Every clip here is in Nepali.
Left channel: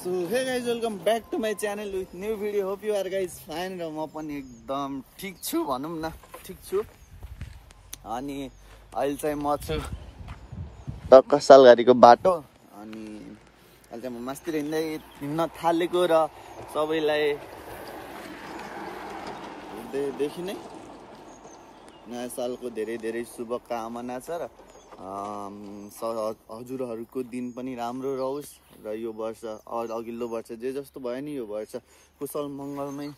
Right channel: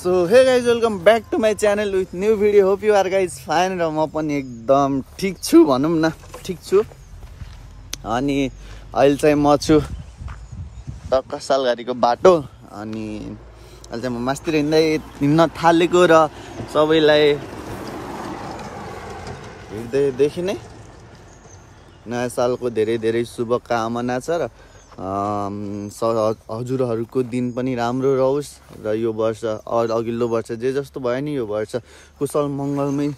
So hey guys, welcome back to my channel with new video. Hope you are guys fine र म पनि एकदम ठीक छु भनौं न, ठीक छु। अनि अहिले चाहिँ म छु टक्क सालघारीको बाटो अनि अहिले चाहिँ म मास्तिर हिँड्न थालेको र सबैलाई हेर्दैदेखि नै नयाँ सालको धेरै धेरै शुभकामना छ र हजुरहरूको दिन पनि राम्रो रहोस् र यो वर्ष अघिल्लो वर्ष जे जस्तो भयो नि यो वर्ष कुशल मङ्गलमै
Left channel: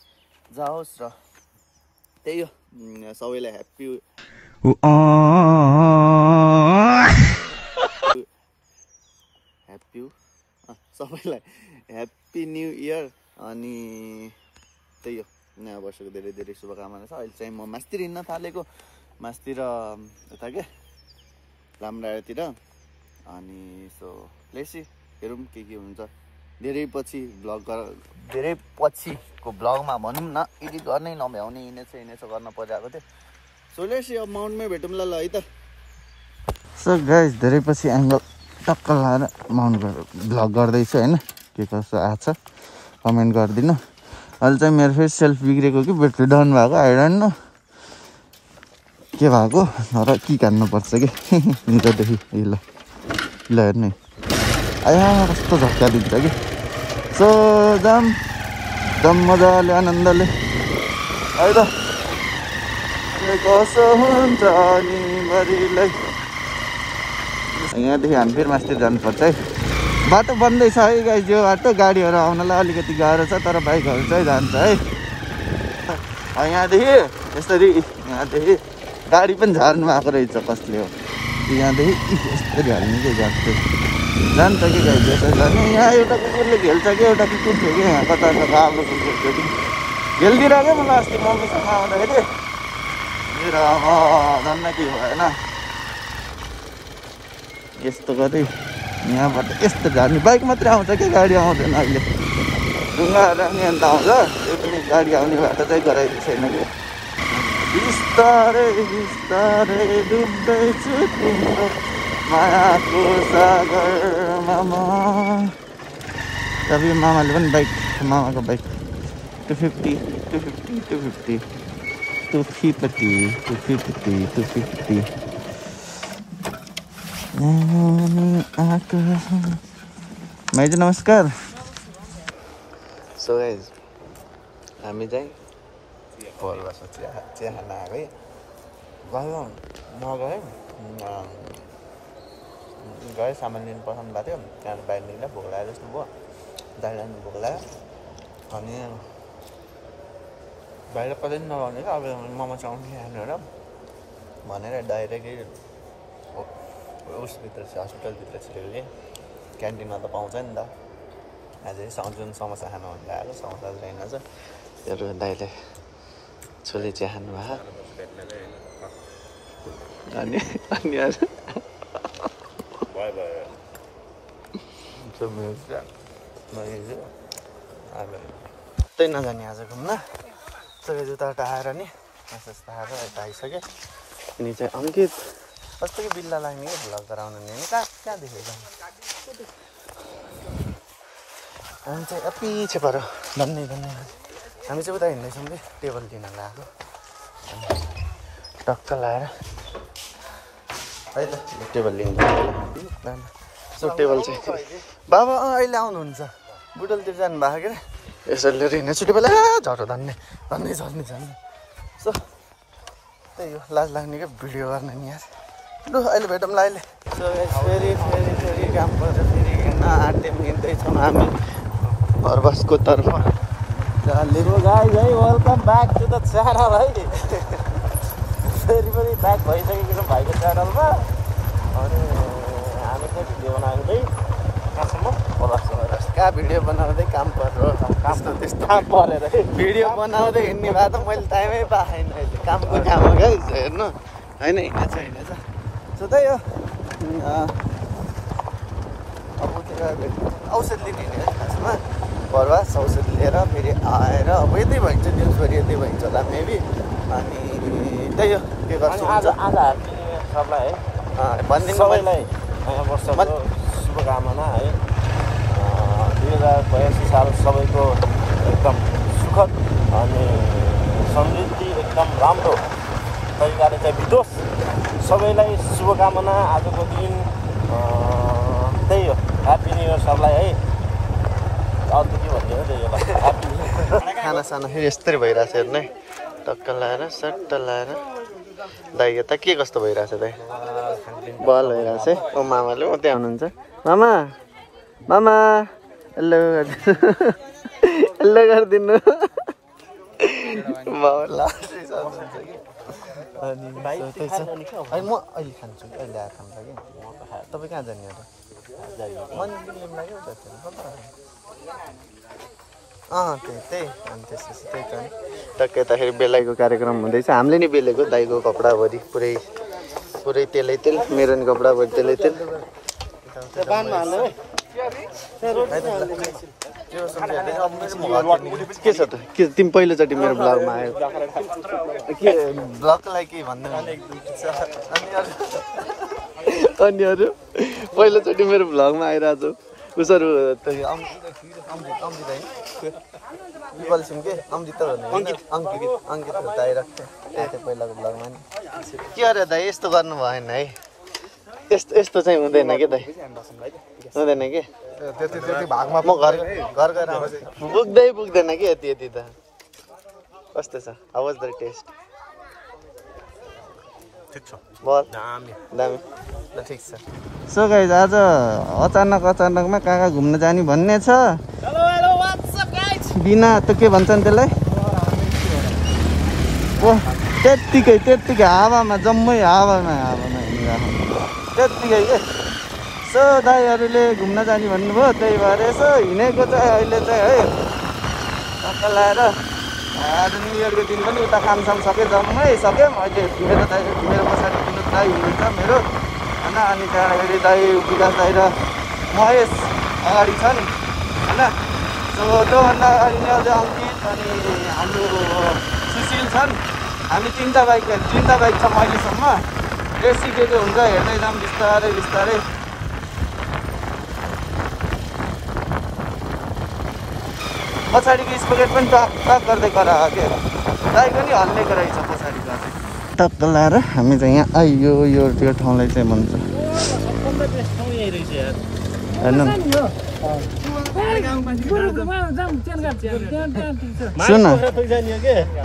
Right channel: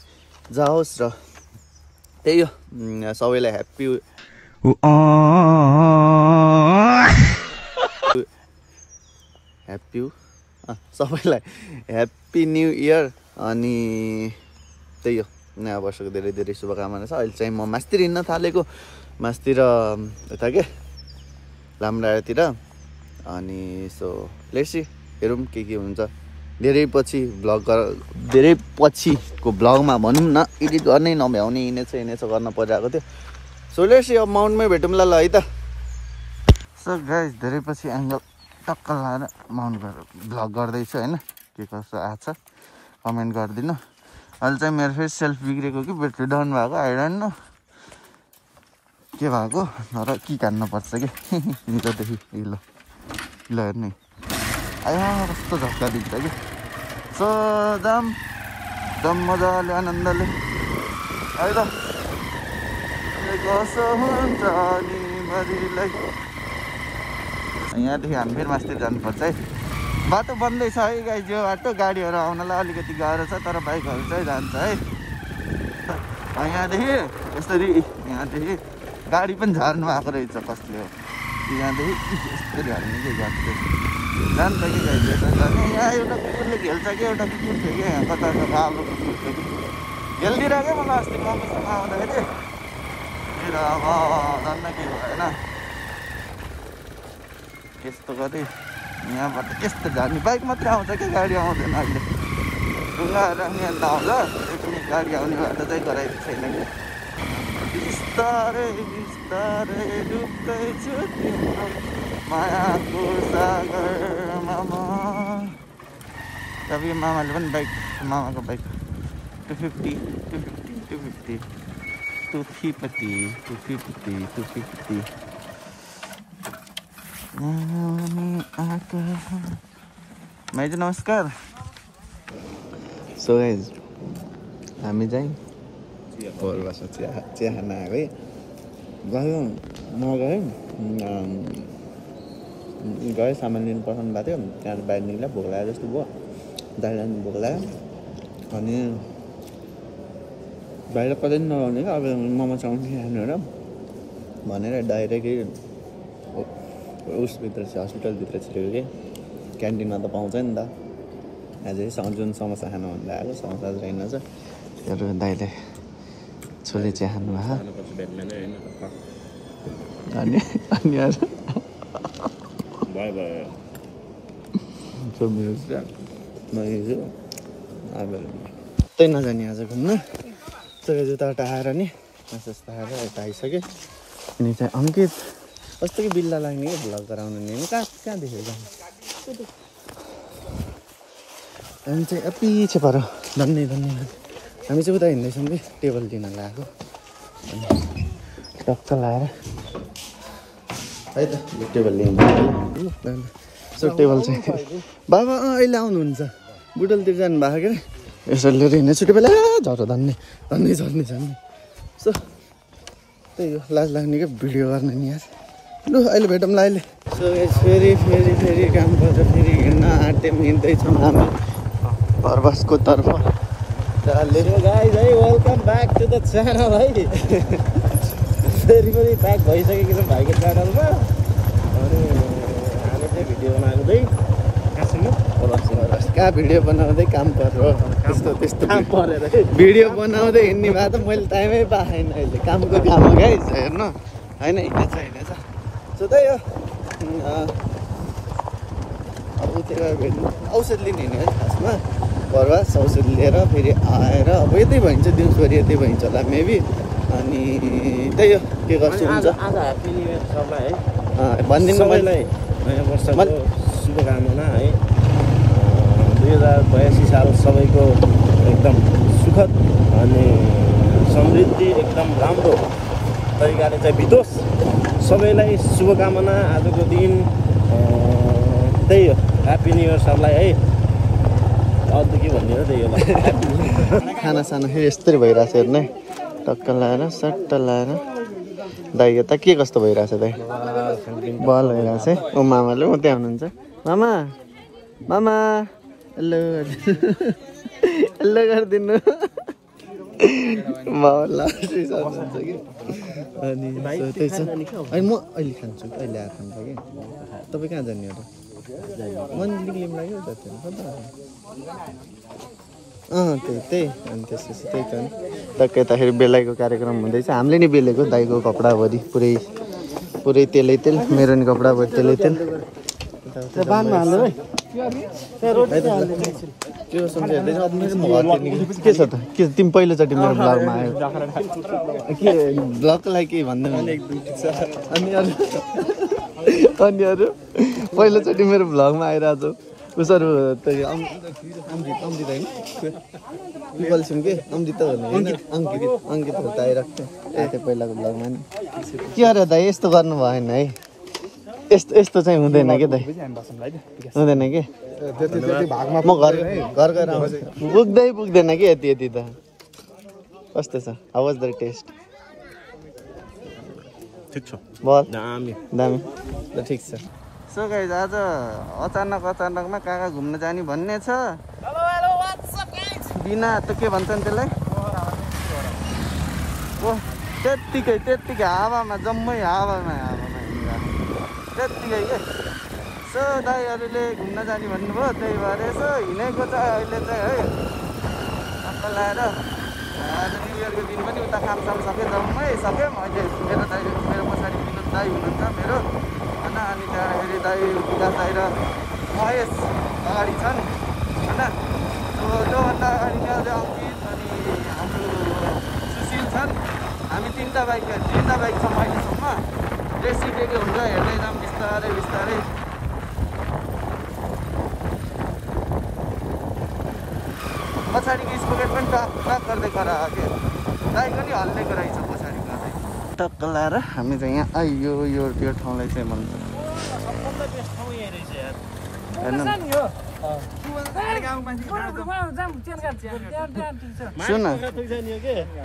जाओस् र त्यही हो सबैलाई ह्यापी सबैलाई ह्यापी न्यू इयर अनि त्यही हो नयाँ वर्षको धेरै धेरै शुभकामना छ। अहिले चाहिँ म मास्तिर हिँड्न थालेको, मास्तिर यता के लामडाँडातिर अनि सो लेट्स सी हेरौँ के हुन्छ। धेरै पछिको ब्लगमा भनौँ न एडिट गर्नै नभ्याउने हिँडेछ गर्न परिरहेको थियो। सो लेट्स सी अब माउन्टमै भेटौँला ल है त। सो गाइस धेरै पछि एङ्गल टक्क लाएर माउन्ट ब्लग गर्दैछु होइन, के कसो आछ कमेन्ट गरिदिनु। अहिले चाहिँ मेरो फेरि सेल्फ बिग्रेको कि ब्याट्री डाउन भएको आई डोन्ट नो के भएको र के काट्नुपर्छ कि निजदेखि ल हेर्नु आया कस्तो झट्का दिन्छ कि। सो जाम मजाले आनन्दले है त कसो हुन्छ नि बरीलाई। यहाँदेखि हामी फेरि मास्तिर जानुपर्छ है। बाटो बन्दै छ है गाइस, यो बाटो गाडीहरू आउनलाई अलिकति गाह्रो छ तर बाइकहरू चाहिँ जान्छ है। यहाँदेखि यसरी यहाँदेखि गाडी पनि झार्नु आएको रहेछ कसले हो, यहाँदेखि यसरी हाल्ने के गाडी जान्छ कि गाइस यसरी जाने। यहाँ एउटा कुकुरले घेल्छ कि एउटा कुकुर थियो कि यहाँ कता कालो कुकुर थियो कि घेलिदिएर क्या मलाई अस्ति मम्मीसँग आउँदाखेरि र अब धन्न के भएन यस्तो गरे। यहाँबाट यस्तो झार्ने बाइक मात्रै आउँछ क्या गाडी आउँदैन अहिले, ढुङ्गाहरू आउने अन्त आउँछ, त्यही पनि गाडी आउने बाटो चाहिँ गराएको छैन कि। बिस्तारै बिस्तारै डुब्दैछु तिम्रो मायाको सागरमा म। तब मामाले पनि बाइक, मामाको बाइक 250 माइजू नमस्कार। सो गाइस हामी चाहिँ पोलबासमा चिया खान आएको है। गयो नगयो गयो सामान लिनु पठाउनु भएको थियो, त्यहाँ बाहिर निक्ल्यो भोक लाग्यो जस्तो भयो, दाल लानु भोक लाग्यो अनि बाहिर कतै नगाउने क्या अब मोमो चाउमिन खानु र भनेर डाइरेक्टै उसभित्र चाहिँ हस्पिटलभित्र छिरेको कि क्यान्टिनमा त पाउँछ नि त। अझै जुन समोसा खानु भन्दा आएको समोसा रहेनछ दाइले छोरी चाहिँ खानु त्यही नजाने आज घुम्न। सबै जुत्ता आएर नि जस्तो आएर यता आइसक्यो अनि चाहिँ अनि कस्तो कि बिल्ला लाग्ने कि भ्लग गराउनु नि कहाँ देखेको हामी चाहिँ पछि पऱ्यो धन्नै हामी चाहिँ उता हिँड्दैछौँ कि टेबल लिन लगाएको टक्क लाएर है त यो टेबल लिनु। सो टेबल चाहिँ बाबा अहिले आउनुहुन्छ, बुटलतिर जानु भएको के यसरी लिएर हिँड्ने छुट्टी बेला झरो झन्ने सो त्यही हो लाज लाग्ने क्या भिडियो गर्ने नि यार। लु अहिले भेटौँला अहिले। सो फेरि काम पर्छ, फेरि हिँड्न आँट्यौँ हिँड्दैछौँ हामी बरबसको तर्फ। चलेको गाइस है, welcome back to the channel है। फेरि पनि ब्याक भइसकेको छौँ भाइको च्यानलमा। अरे हामी चाहिँ भिडियो बनाउँदै कहाँसम्म कहाँ भिडियो बनाउँदै काम पर्यो त्यस्तो काम परेर भिडियो बनाउँदै हिँड्ने भए त मैले टाइमै पाएन। अहिले कामको काम हो गाइस हाम्रो होइन इच्छा छैन छ। सो त्यही हो अब उतिर भेट्नु औषध लिने हिँड्ने है खासमा बरबास औषध लिएर फेरि आएर अब यतै भइन्छ दिउँसोरी यतै भइन्छ होला मेबी। अनि त्यही हो के गर्छु हुन्छ आज ह्याप्पी न्यु इयर सबलाई है भनिदिनु सबैलाई नयाँ वर्षको शुभकामना है। 2082 साल सबैको एकदम सुखद अनि समृद्धि एकदम राम्रो तरिकाले चाहिँ बितोस्। सबैलाई शुभकामना। आजको दिन त्यही हो, ह्याप्पी न्यु इयर सबलाई है। अरू के भन्ने हो, त्यही हो ल, ह्याप्पी न्यु इयर। खाना साना फेरि यस्तरी भइरहेछ हेर्नु है, टक्क लाएर सट्ट लाएर। दाइ यता के कस्तो भइरहेछ दाइ? बल भइरहेछ है। ऊ मामाले ऊ त्यहाँ हुनुहुन्छ। मामा मामा हेलो हेलो गरिदिनु। म लास्ट हुनुहुन्छ कि अनि त्यही छ। अनि म अहिले खान्छु कि अहिले आएर खान्छ कि। तपाईँ कहाँ जाने हो त? मन लिम लाग्यो त कता? त्यही अनि त्यसपछि त्यही त नि टक्कै यताखेरि बेलाइको कार्यक्रम हुँदैछ। हामीले नि बेलेको दाइको कपडाभरि पुरै तेलै तेल, मेरो नि कपडाभरि तेलै तेल। है त ल, त्यो सोच्दै हेर्दैछ। अब मेरो घर के छ त? के तिमी पहिलोचोटि ब्लगलाई केही भन्दैन अनि अरू पहिलोचोटि मेरो भ्लगमा आइरहेको छ। उसहरू त्यो अमृत होइन, पिपल सिम के अमृत त भन्ने होइन, अङ्कितहरू त आइरहेको थियो। त्यो पहिलाको भ्लगमा नि के अरे दाइ यस्तो गर्नु भएन है। यस्तो चाहिँ हुँदैन कि दाइ, हुँदैन कि भागमा। म घर गएर आउँछु, पुग्दैन कि यति त। कस्तो छ? How was the test? ठिक छ, दामी ल, ठिक छ। सो गाइज आज अचानकमा कहाँ घुम्न जाने भन्ने छ। बिना त के भन्छन् त्यसलाई? ओह त्यत्तिकै हावामा जम्मै हावामा हिँडिरहेको त्यत्तिकै के। सो दाइहरूले घुम्न जाने भन्नुभयो, त्यही भएर यसो हिँडेको चाहिँ अहिले चाहिँ है टक्क लाएर। आज न्यु इयरको दिन पनि उता कामसाम सकेँ, जम्मै सक्यो। अहिले मेरो पछाडि विनोद दाई हुनुहुन्छ मेरो होइन। अनि त्यहाँबाट दाई विकास दाई र महेश अगाडि छन् होइन। सो त्योभन्दा अगाडि नै अझै अङ्कित अनि हाम्रो सुशील छन्। हामी तिनवटा बाइक छौँ अहिलेसम्म। बेसी के हुन्छ हेर्दै जाऊँ बिस्तारै। पछाडिको स्पोकेट पनि टक गर्दै करायो के, दाइको नि हल्लेको रहेछ पछाडि गर्दै। टक्क लाएर हामी चाहिँ यहाँ आइयो। यो ठाउँलाई चाहिँ भन्छ हेर्नु। सुन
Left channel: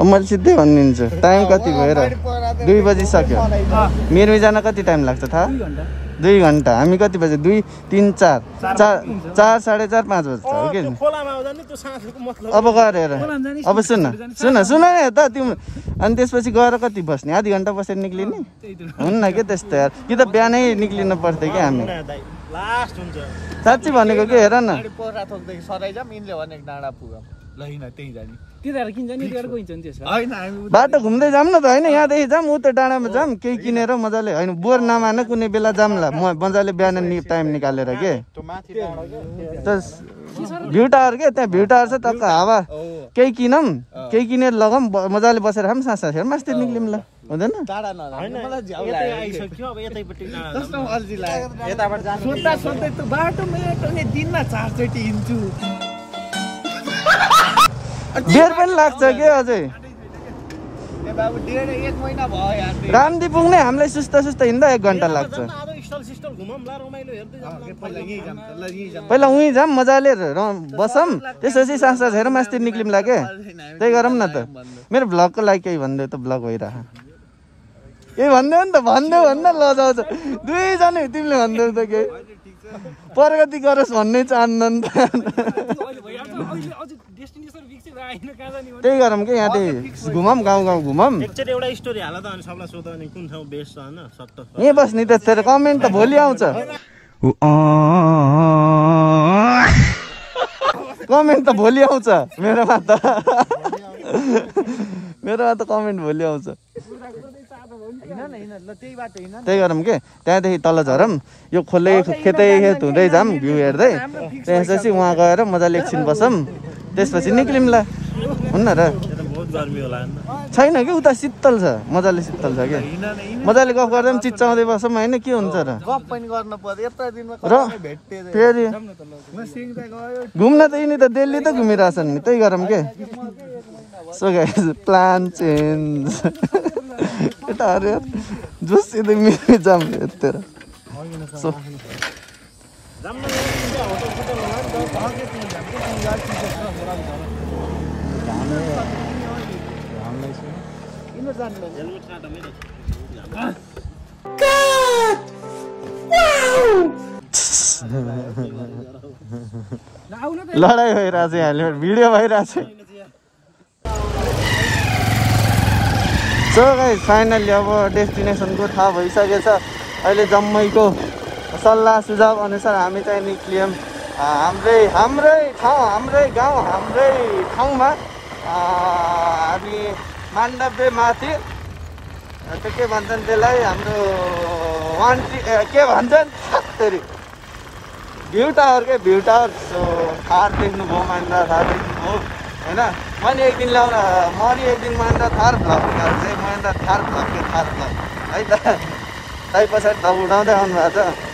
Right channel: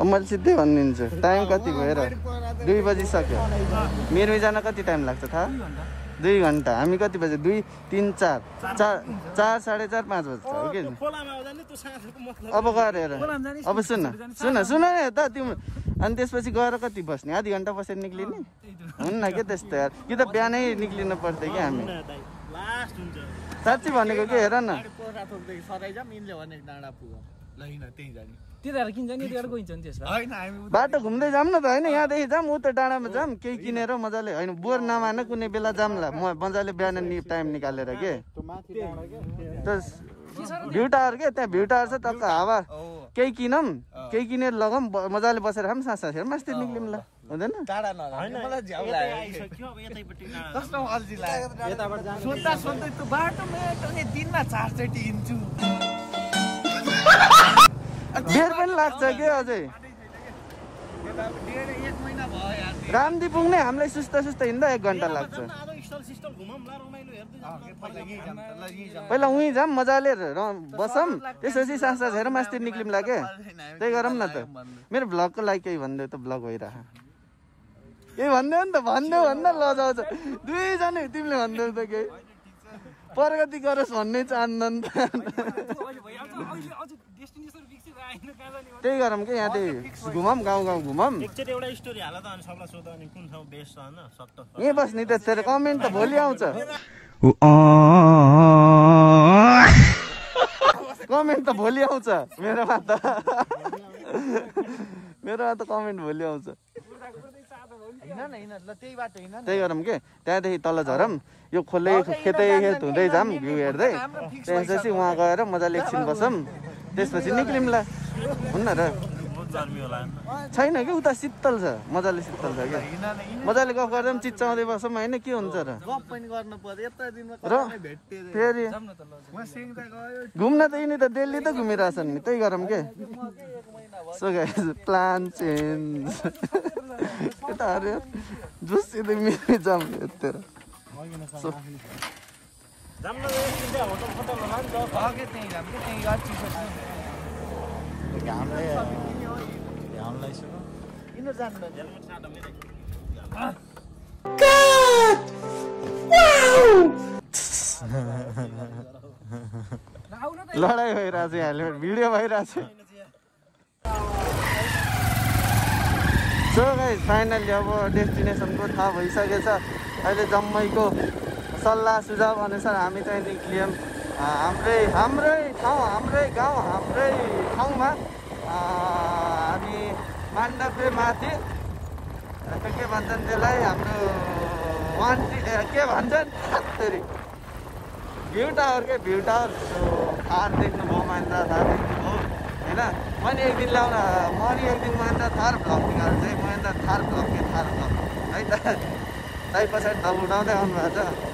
मैले सिधै भनिदिन्छु, टाइम कति भएर 2 बजिसक्यो। मेरो जान कति टाइम लाग्छ थाहा? 2 घन्टा। हामी कति बजे? 2, 3, 4, 4:30, 5 बज्छ हो कि। अब गएर हेर, अब सुन है त तिम्रो। अनि त्यसपछि गएर कति बस्ने? आधी घन्टा बसेर निक्लिने हुन्न कि त्यस्तो यार। कि त बिहानै निक्लिनु पर्थ्यो कि हामी। साँच्ची भनेको के, हेर न। बाटो घुम्दै जाऊँ न त होइन, यहाँदेखि जाऊँ उता डाँडामा जाऊँ, केही किनेर मजाले होइन। बोर नमान कुनै बेला जाऊँला म मजाले बिहान टाइम निकालेर के। भ्यू टावर के, त्यहाँ भ्यू टावर छ टक्क हावा। केही किनेर लगाऊँ, मजाले बसेर खाऊँ, सास हेर मास्तिर निक्लिउँ ल, हुँदैन? सोध्दै त बाटोमा दिनमा 4 चोटि हिँड्छु। बेर पनि लाग्छ के अझै। रामदी पुग्ने हामीलाई सुस्त हिँड्दा 1 घन्टा लाग्छ। पहिला उहीँ जाऊँ मजाले बसौँ, त्यसपछि सास हेर मास्तिर निक्लिउँला के। त्यही गरौँ न त। मेरो भ्लगको लागि केही भनिदेऊ त, भ्लग भइरह। केही भनिदेऊ नि त, भन्न लजाउँछ। 2 जना तिमीले भनिदेऊ त केही। प्रगति गरोस् भन्ने चाहन्न नि त। त्यही गरौँ कि यहाँदेखि घुमौँ, गाउँ घुमौँ। एउटा स्टोरी हाल त अनि सबलाई सोध अनि कुन ठाउँ बेस्ट छ हैन सट्ट यही बस्ने त। तेरो कमेन्ट त भोलि आउँछ। कमेन्ट त भोलि आउँछ मेरोमा त। मेरोमा त कमेन्ट भोलि आउँछ। त्यही गरौँ के, त्यहाँदेखि तल झरौँ, यो खेत हुँदै जाऊँ भ्यू हेर्दै। त्यसपछि उहाँ गएर मजाले एकछिन बसौँ, त्यसपछि निक्लिउँला, हुन्न र? बहुत गर्मी होला हैन? छ छैन कि उता शीतल छ मजाले शीतल छ क्या मजाले गफ गर्दा पनि चिच्चाउँदै बसौँ होइन के हुन्छ र फेरि घुम्न त यिनी त दिल्ली त घुमिरहेछन् नि त्यही गरौँ के सो गाइस प्लान चेन्ज यता अरे जुस सिधै मिली जाम यतिर सो लडाइँ भइरहेछ यहाँले भिडियो भइरहेछ सो गाइस फाइनली अब डेस्टिनेसनको थाहा भइसकेछ अहिले जम्मैको सल्लाह सुझाव अनुसार हामी चाहिँ निक्लियौँ हाम्रै गाउँ हाम्रै ठाउँमा हामी माण्डव्य माथि त्यो के भन्छन् त्यसलाई हाम्रो के भन्छन् फेरि भ्यू टावर के भ्यू टावर थार देख्नुभयो मान्दा थार देख्नुभयो होइन मैले एक दिन ल्याउन मरि एक दिन मान्दा थार भ्लग चाहिँ मान्दा थार भ्लग है त पछाडि त उठाउँदै आउनु भएको छ